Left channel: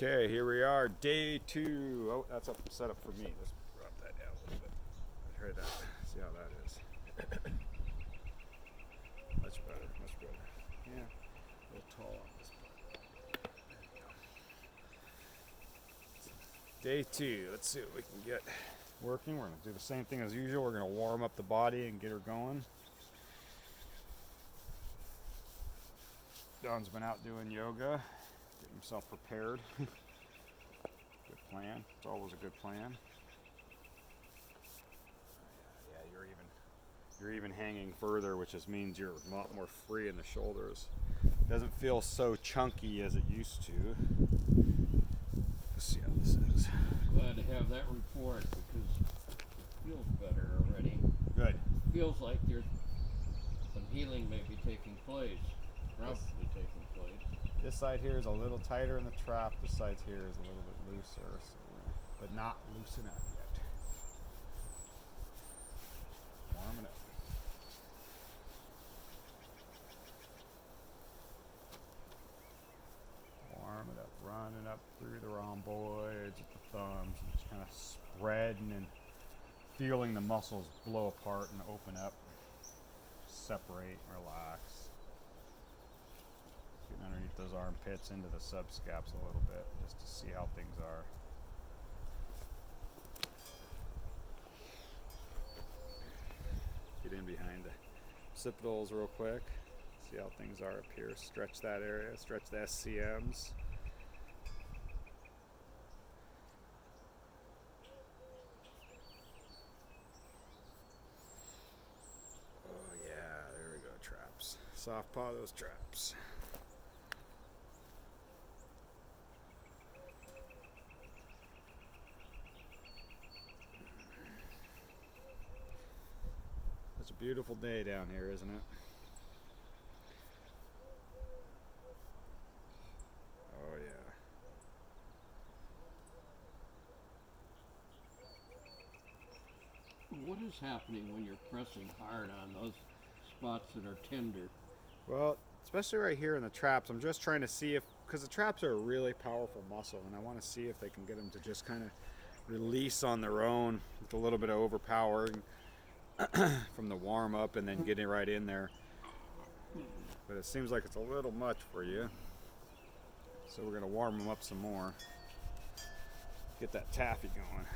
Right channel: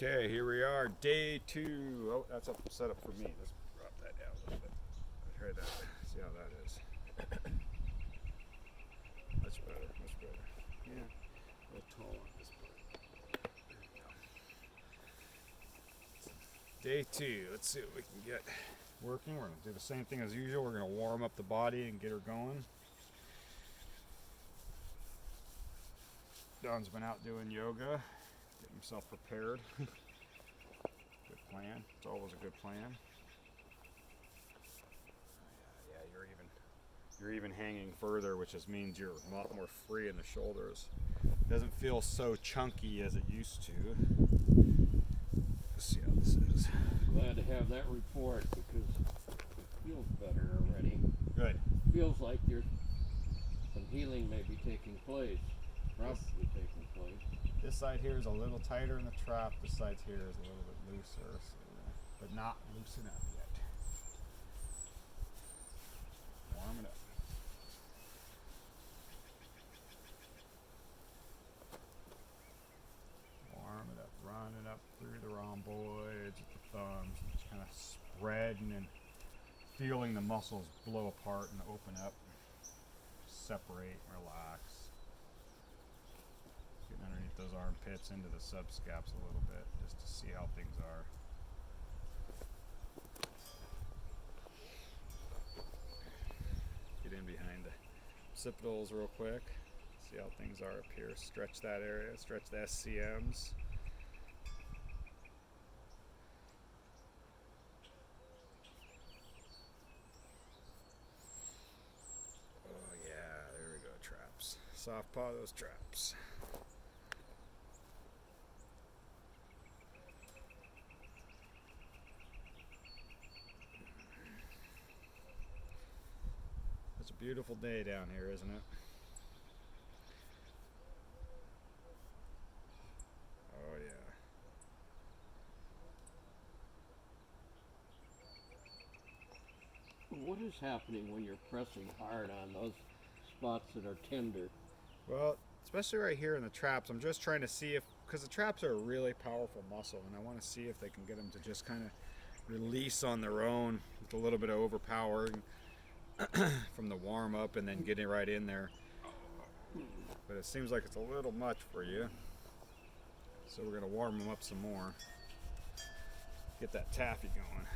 Okay, here we are, day 2. Oh, that's a setup for me. Let's drop that down a little bit. Try that. See how that is. Much better, much better. Yeah, a little tall on this part. There we go. Day 2. Let's see what we can get working. We're going to do the same thing as usual. We're going to warm up the body and get her going. Don's been out doing yoga, getting himself prepared. Good plan. It's always a good plan. Yeah, you're even hanging further, which just means you're a lot more free in the shoulders. It doesn't feel so chunky as it used to. Let's see how this is. Glad to have that report because it feels better already. Good. Feels like there's some healing may be taking place. Probably taking place. This side here is a little tighter in the trap. This side here is a little bit looser, but not loose enough yet. Warm it up. Warm it up, running up through the rhomboids with the thumbs, just kind of spreading and feeling the muscles blow apart and open up, separate, relax. Getting underneath those armpits into the subscaps a little bit just to see how things are. Get in behind the occipitals real quick. See how things are up here. Stretch that area, stretch the SCMs. Oh yeah, there we go, traps. Soft paw those traps. It's a beautiful day down here, isn't it? Oh yeah. What is happening when you're pressing hard on those spots that are tender? Well, especially right here in the traps, I'm just trying to see if, because the traps are a really powerful muscle, and I want to see if they can get them to just kind of release on their own with a little bit of overpowering from the warm up and then getting right in there. But it seems like it's a little much for you. So we're going to warm them up some more. Get that taffy going.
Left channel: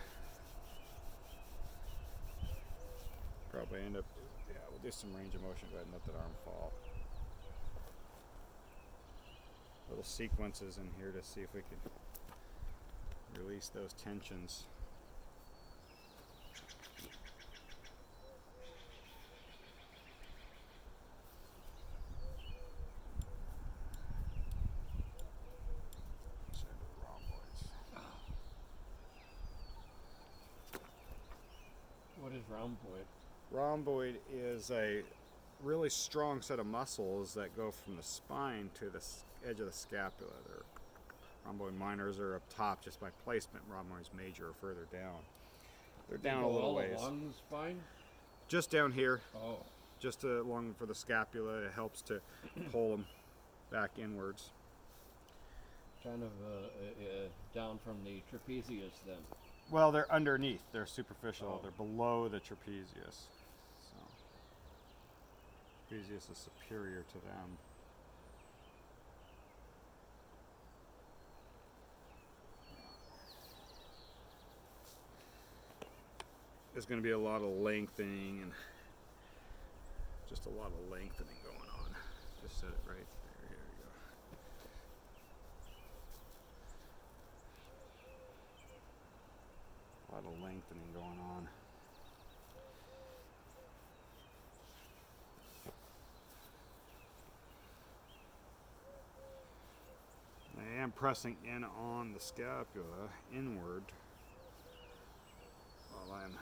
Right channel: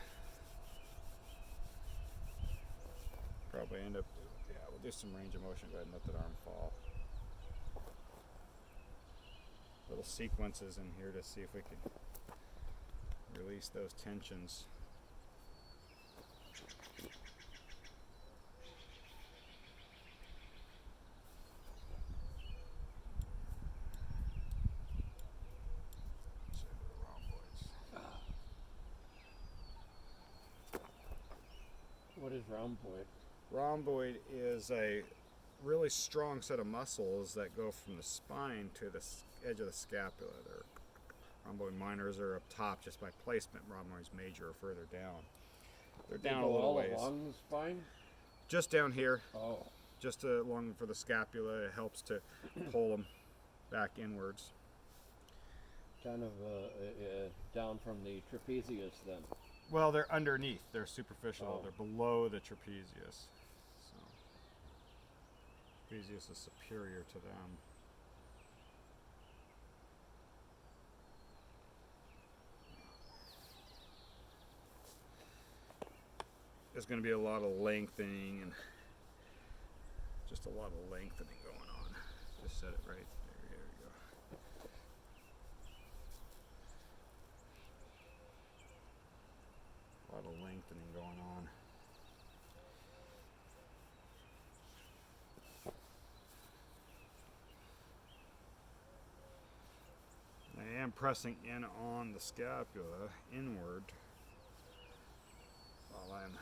Probably end up, yeah, we'll do some range of motion. Go ahead and let that arm fall. Little sequences in here to see if we can release those tensions. What is rhomboid? Rhomboid is a really strong set of muscles that go from the spine to the edge of the scapula. They're rhomboid minors are up top just by placement. Rhomboids major are further down. They're down a little ways. Along the spine? Just down here. Oh. Just along for the scapula. It helps to pull them back inwards. Kind of down from the trapezius then. Well, they're underneath. They're superficial. Oh. They're below the trapezius. So, trapezius is superior to them. There's going to be a lot of lengthening and just a lot of lengthening going on. Just set it right there. There we go. A lot of lengthening going on. I am pressing in on the scapula inward while I'm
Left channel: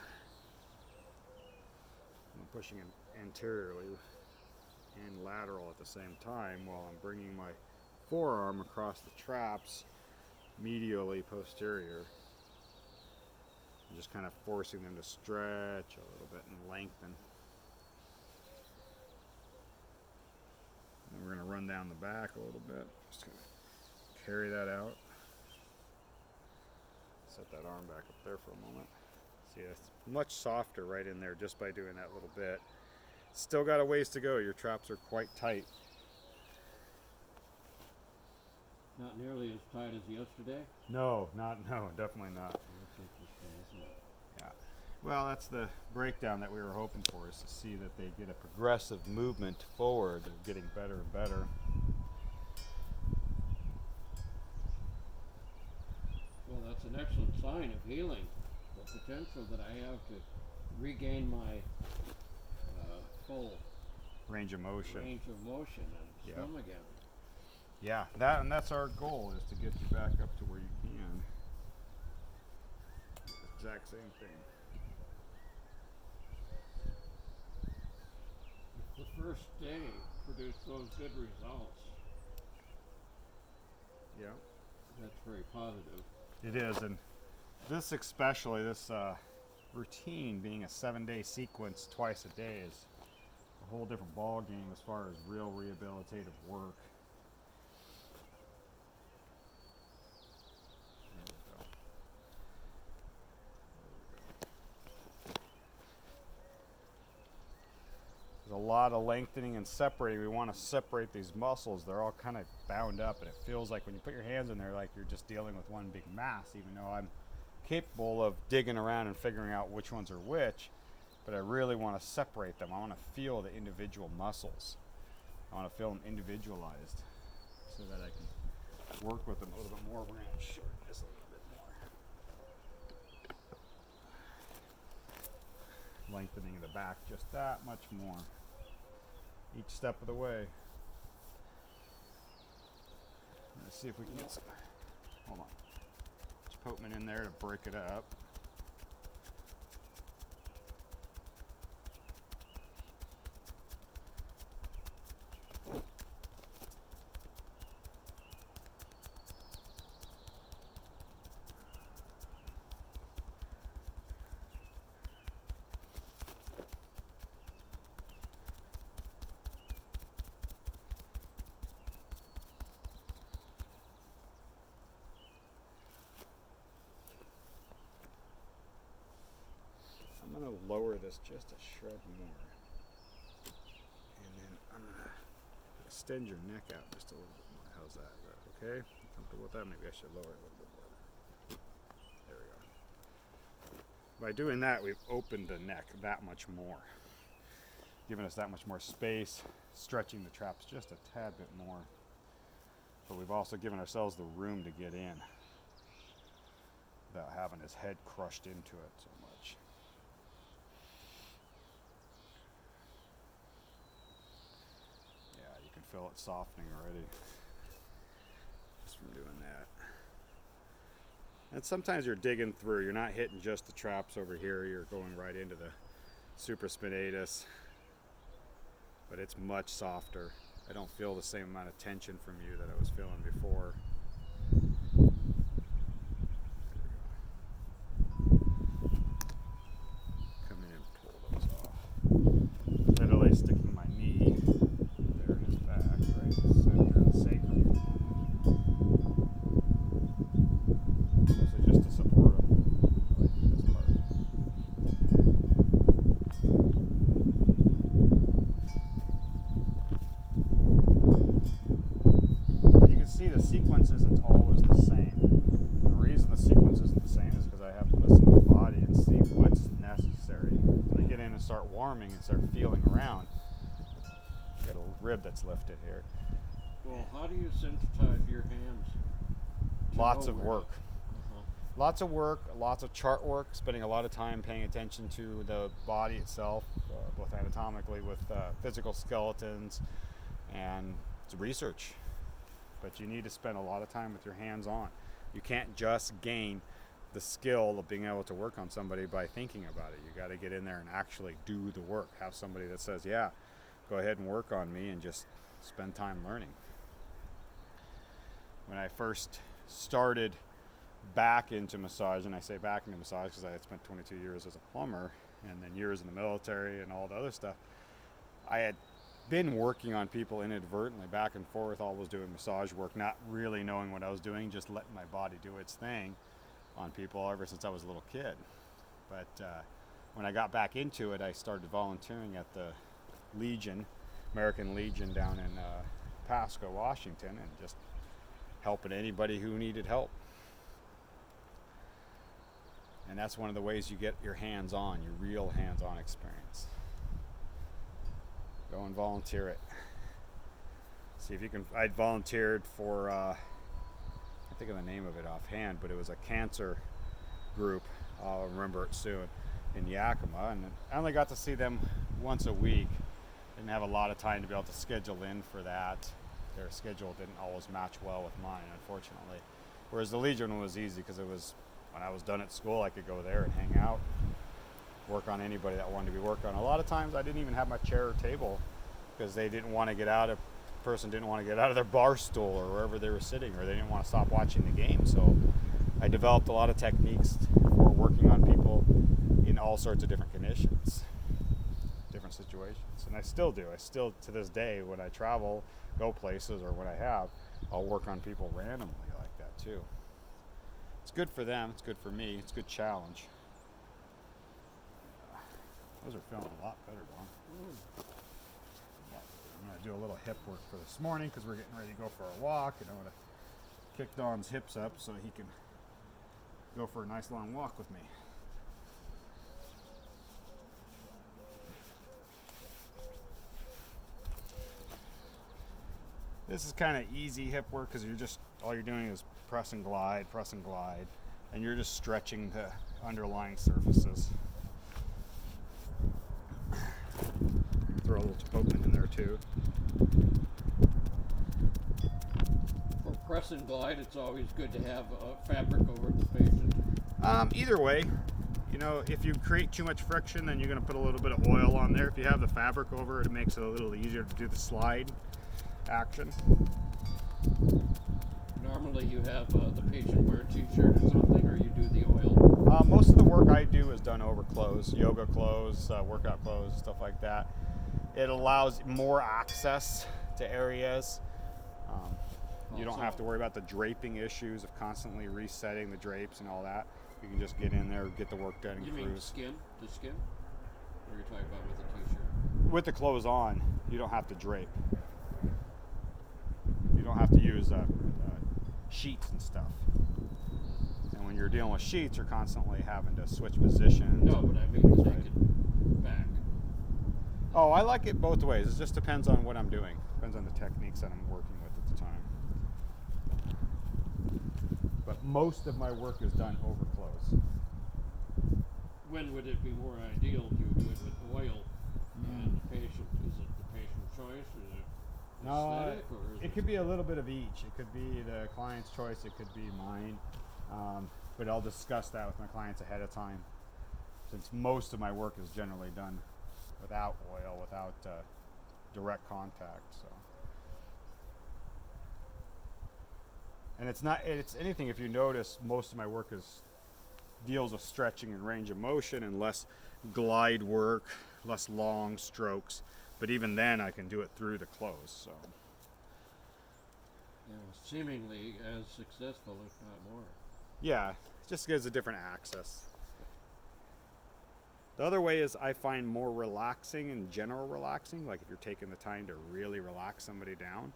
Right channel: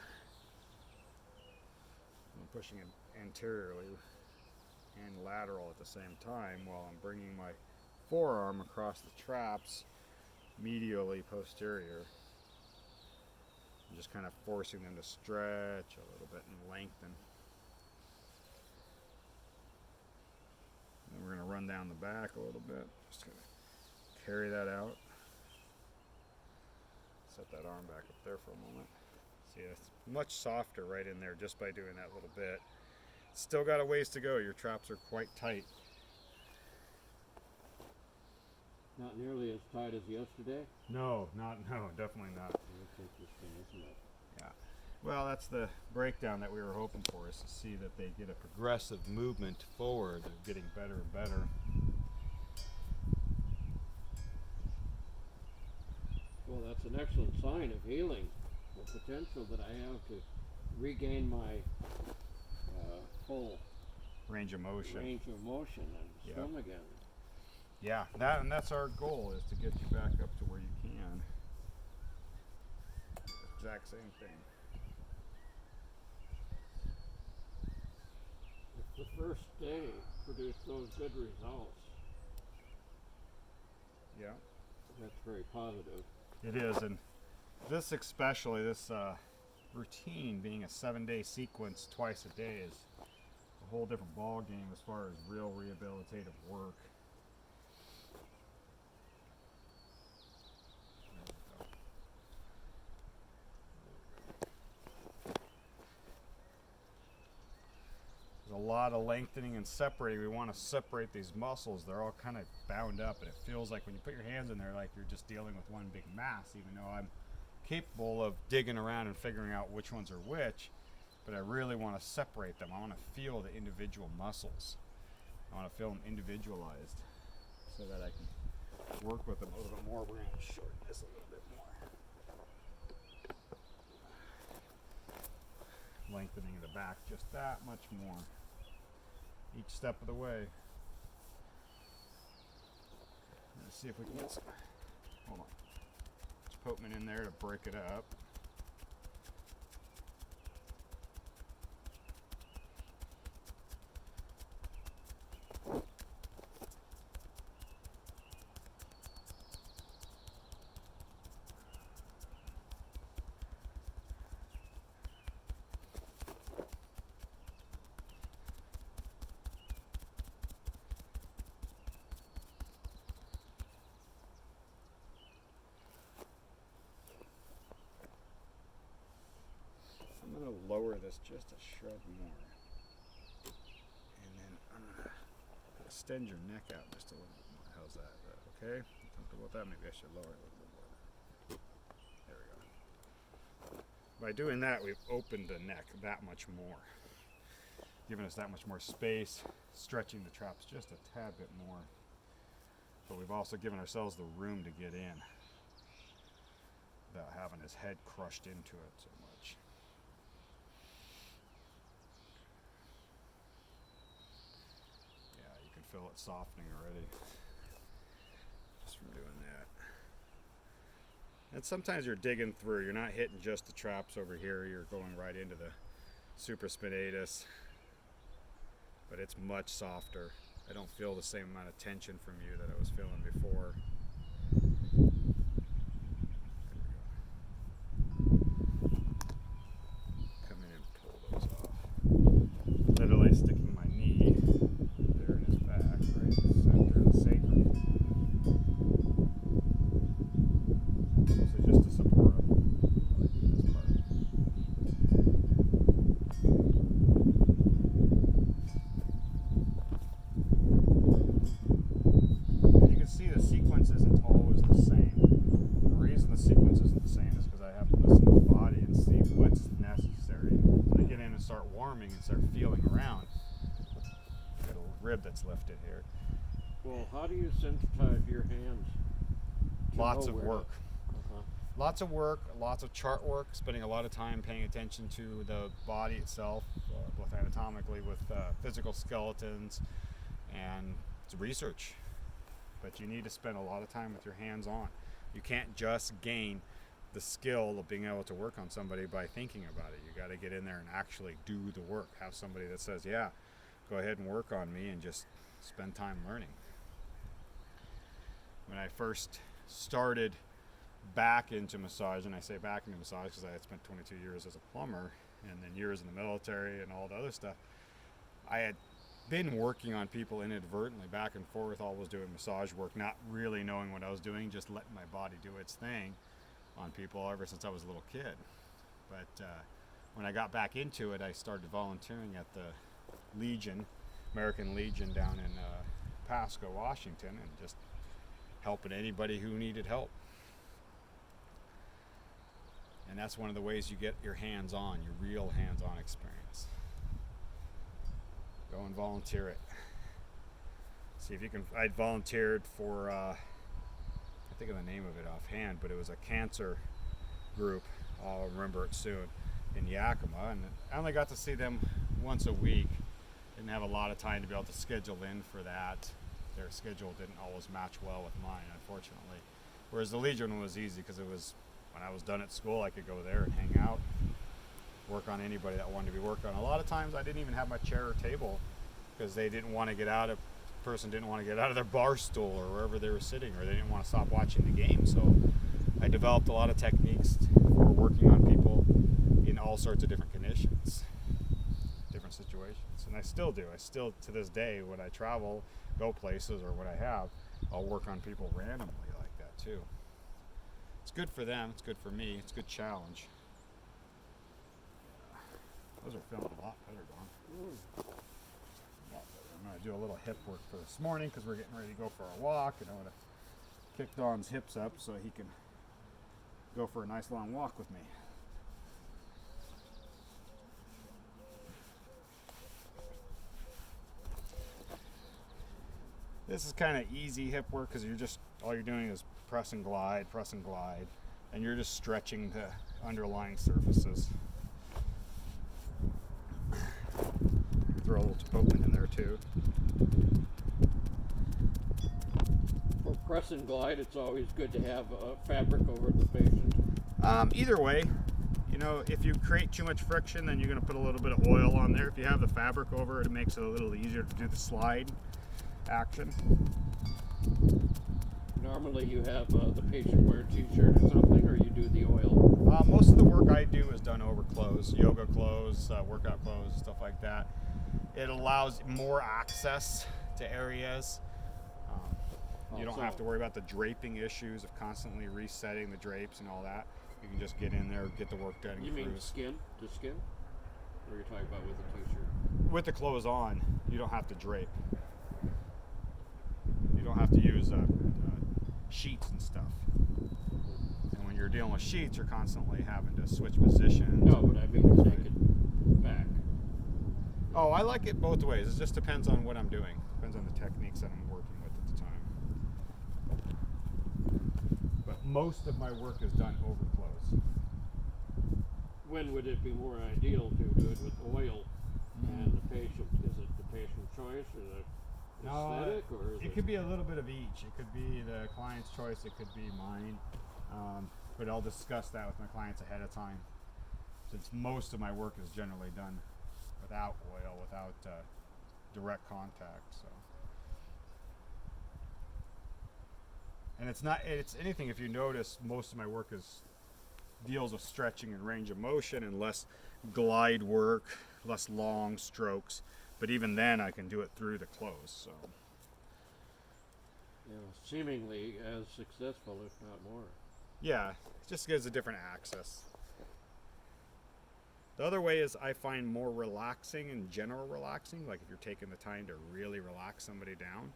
pushing it anteriorly and lateral at the same time while I'm bringing my forearm across the traps medially posterior. I'm just kind of forcing them to stretch a little bit and lengthen. And we're going to run down the back a little bit. Just going to carry that out. set that arm back up there for a moment. See, it's much softer right in there just by doing that little bit. Still got a ways to go. Your traps are quite tight. Not nearly as tight as yesterday. No, definitely not. That's interesting, isn't it? Yeah. Well, that's the breakdown that we were hoping for, is to see that they get a progressive movement forward. They're getting better and better. Well, that's an excellent sign of healing. The potential that I have to regain my full Range of motion. And swim again. Yeah, that's our goal, is to get you back up to where you can. Exact same thing. If the first day produced those good results, Yeah. that's very positive. It is, and this especially, this routine being a 7-day sequence twice a day is a whole different ball game as far as real rehabilitative work. There we go. There's a lot of lengthening and separating. We want to separate these muscles. They're all kind of bound up, and it feels like when you put your hands in there, like you're just dealing with one big mass, even though I'm capable of digging around and figuring out which ones are which. But I really want to separate them. I want to feel the individual muscles. I want to feel them individualized so that I can work with them a little bit more. We're going to shorten this a little bit more. Lengthening the back just that much more each step of the way. Let's see if we can get some, hold on, Potman in there to break it up. I'm going to lower this just a shred more, and then I'm going to extend your neck out just a little bit more. How's that? Is that okay? You comfortable with that? Maybe I should lower it a little bit more. There we go. By doing that, we've opened the neck that much more, giving us that much more space, stretching the traps just a tad bit more. But we've also given ourselves the room to get in without having his head crushed into it so much. Yeah, you can feel it softening already just from doing that. And sometimes you're digging through, you're not hitting just the traps over here, you're going right into the supraspinatus, but it's much softer. I don't feel the same amount of tension from you that I was feeling before. Come in and pull those off. Literally sticking my knee there in his back, right in the center of the sacrum. Mostly just to support him while I do this part. You can see the sequence isn't always the same. The reason the sequence isn't the same is because I have to listen to the body and see what's necessary. When I get in and start warming and start feeling around, I got a rib that's lifted here. Well, how do you sensitize your hands? Lots of work. Uh-huh. Lots of work, lots of chart work, spending a lot of time paying attention to the body itself, both anatomically with physical skeletons and research. But you need to spend a lot of time with your hands on. You can't just gain the skill of being able to work on somebody by thinking about it. You got to get in there and actually do the work. Have somebody that says, yeah, go ahead and work on me, and just spend time learning. When I first started back into massage, and I say back into massage because I had spent 22 years as a plumber and then years in the military and all the other stuff, I had been working on people inadvertently back and forth, always doing massage work, not really knowing what I was doing, just letting my body do its thing on people ever since I was a little kid. But when I got back into it, I started volunteering at the Legion, American Legion down in Pasco, Washington, and just helping anybody who needed help. And that's one of the ways you get your hands-on, your real hands-on experience. Go and volunteer it. See if you can. I volunteered for, I think of the name of it offhand, but it was a cancer group. I'll remember it soon, in Yakima, and I only got to see them once a week. Didn't have a lot of time to be able to schedule in for that. Their schedule didn't always match well with mine, unfortunately. Whereas the Legion one was easy because it was, when I was done at school, I could go there and hang out, work on anybody that wanted to be worked on. A lot of times I didn't even have my chair or table because they didn't want to get out of, person didn't want to get out of their bar stool or wherever they were sitting, or they didn't want to stop watching the game. So I developed a lot of techniques for working on people in all sorts of different conditions, different situations. And I still do. I still, to this day, when I travel, go places, or when I have, I'll work on people randomly like that too. It's good for them. It's good for me. It's a good challenge. Those are feeling a lot better, Don. I'm going to do a little hip work for this morning because we're getting ready to go for a walk, and I want to kick Don's hips up so he can go for a nice long walk with me. This is kind of easy hip work because you're just, all you're doing is press and glide, and you're just stretching the underlying surfaces. Throw a little Chipotle in there too. For press and glide, it's always good to have fabric over the patient. Either way, you know, if you create too much friction, then you're going to put a little bit of oil on there. If you have the fabric over it, it makes it a little easier to do the slide action. Normally you have the patient wear a t-shirt or something, or you do the oil? Most of the work I do is done over clothes, yoga clothes, workout clothes, stuff like that. It allows more access to areas. You don't have to worry about the draping issues of constantly resetting the drapes and all that. You can just get in there, get the work done, and You cruise. mean skin? The skin? Or you're talking about with a t-shirt? With the clothes on, you don't have to drape. You don't have to use sheets and stuff. And when you're dealing with sheets, you're constantly having to switch positions. No, but I mean take it back. Oh, I like it both ways. It just depends on what I'm doing. Depends on the techniques that I'm working with at the time. But most of my work is done over clothes. When would it be more ideal to do it with oil and the patient? Is it the patient's choice? Is it aesthetic? Or is it could be a little bit of each. It could be the client's choice. It could be mine. But I'll discuss that with my clients ahead of time. Since most of my work is generally done without oil, without direct contact. So, and it's anything. If you notice, most of my work deals with stretching and range of motion and less glide work, less long strokes. But even then, I can do it through the clothes. So, seemingly as successful, if not more. Yeah, just gives a different access. The other way is I find more relaxing and general relaxing. Like if you're taking the time to really relax somebody down,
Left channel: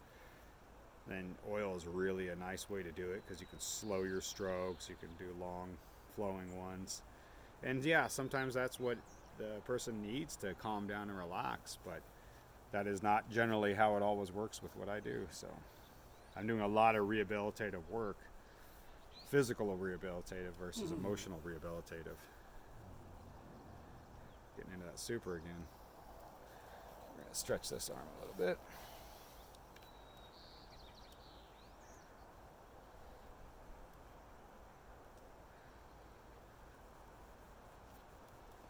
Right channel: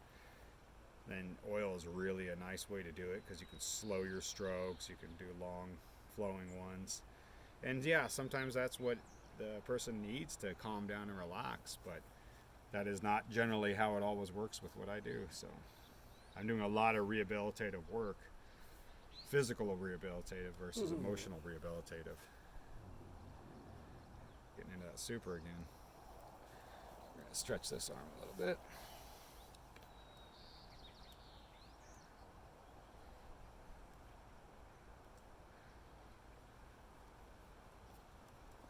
then oil is really a nice way to do it because you can slow your strokes, you can do long flowing ones. And yeah, sometimes that's what the person needs to calm down and relax, but that is not generally how it always works with what I do. So I'm doing a lot of rehabilitative work, physical rehabilitative versus emotional rehabilitative. Getting into that super again. We're going to stretch this arm a little bit.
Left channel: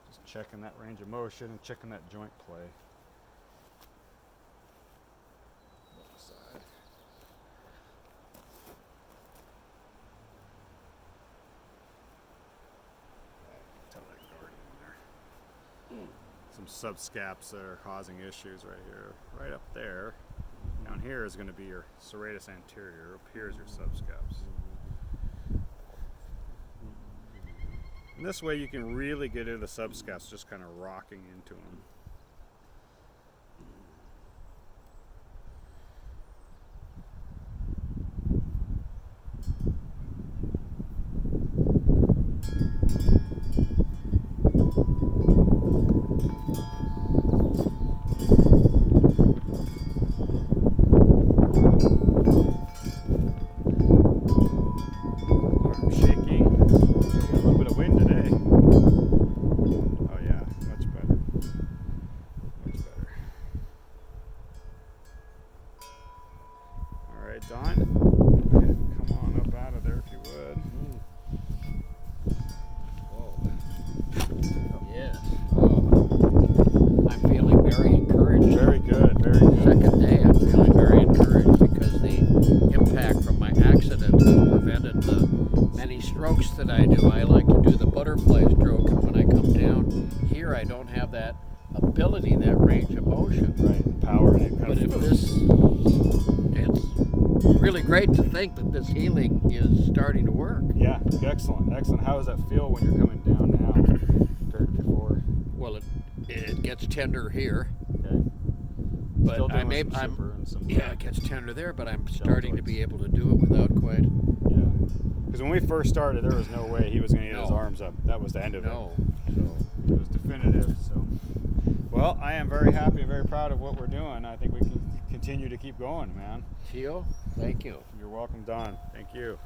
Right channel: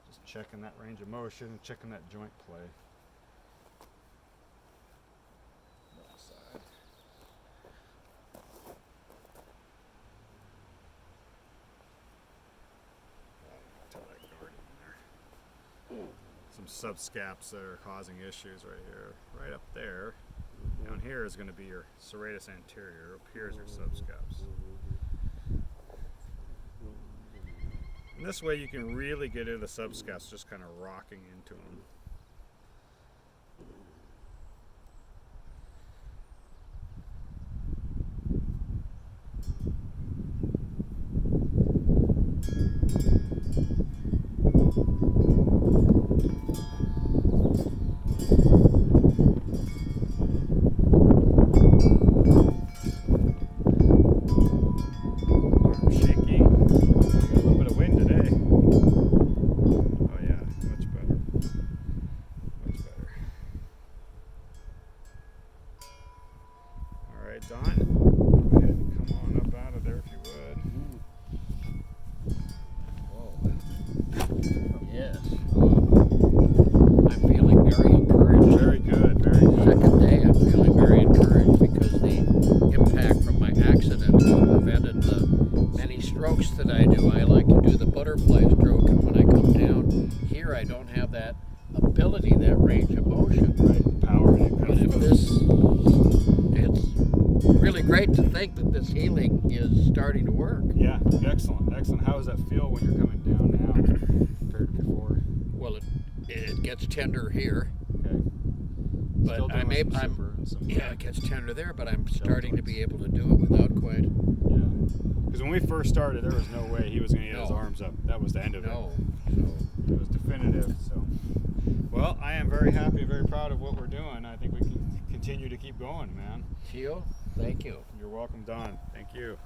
Just checking that range of motion and checking that joint play. Left side. Tell that guard in there. Some subscaps that are causing issues right here. Right up there. Down here is going to be your serratus anterior. Up here is your subscaps. And this way you can really get into the subscapes, just kind of rocking into them. Don, go ahead and come on up out of there if you would. Whoa. Yes. I'm feeling very encouraged. Very good, very good. Second day, I'm feeling very encouraged because the impact from my accident has prevented the many strokes that I do. I like to do the butterfly stroke, and when I come down here, I don't have that ability, that range of motion. Right, power. But if this, it's really great to think that this healing is starting to work. Yeah, excellent, excellent. How does that feel when you're coming down now compared to before? Well, it gets tender here. Okay. But Still doing it gets tender there, but I'm starting to be able to do it without quite. Yeah. Because when we first started, there was no way he was going to get his arms up. That was the end of it. So it was definitive. So, well, I am very happy and very proud of what we're doing. I think we can continue to keep going, man. Theo, thank you. You're welcome, Don. Thank you.